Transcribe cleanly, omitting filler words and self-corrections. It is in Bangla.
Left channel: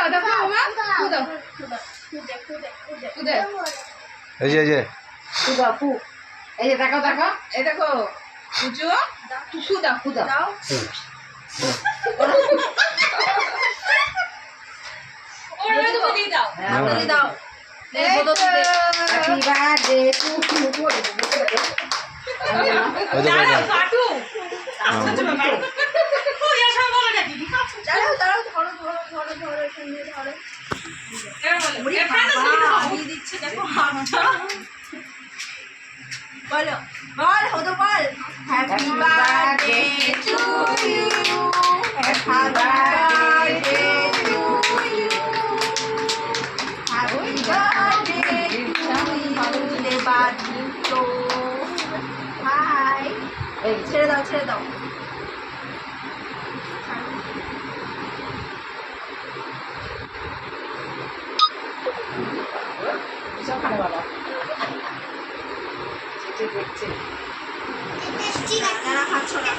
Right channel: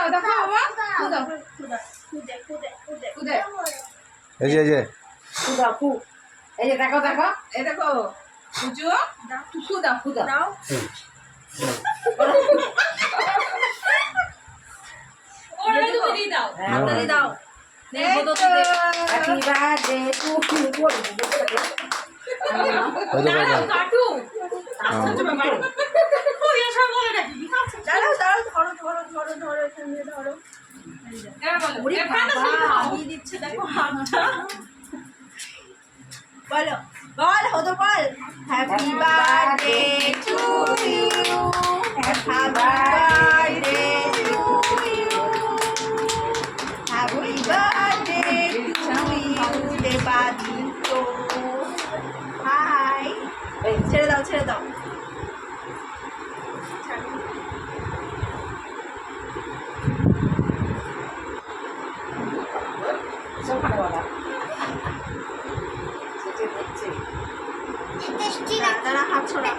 দাও দেখো বাবা ফু দাও এই যে ফু দাও ফু এই যে দেখো দেখো এই দেখো পুজো ফু দাও ফু দাও ওরে তুমি দিয়ে দাও হ্যাঁ দিয়ে দাও নে বলো তো হ্যাপি বার্থডে টু ইউ ওই তো কয়টা কাটু আচ্ছা বাবা ও ইয়া সব বলে নাকি দাঁড়াও দাঁড়াও ধরো ধরো ধরো ধরো এখানে ধরো আমি দিচ্ছে দেখো হাতটা বলো বল হতো বল happy birthday to you happy birthday to you happy birthday to you Debaditya hi ছেড়ে দাও ছেড়ে দাও দেখছে হাত ছড়া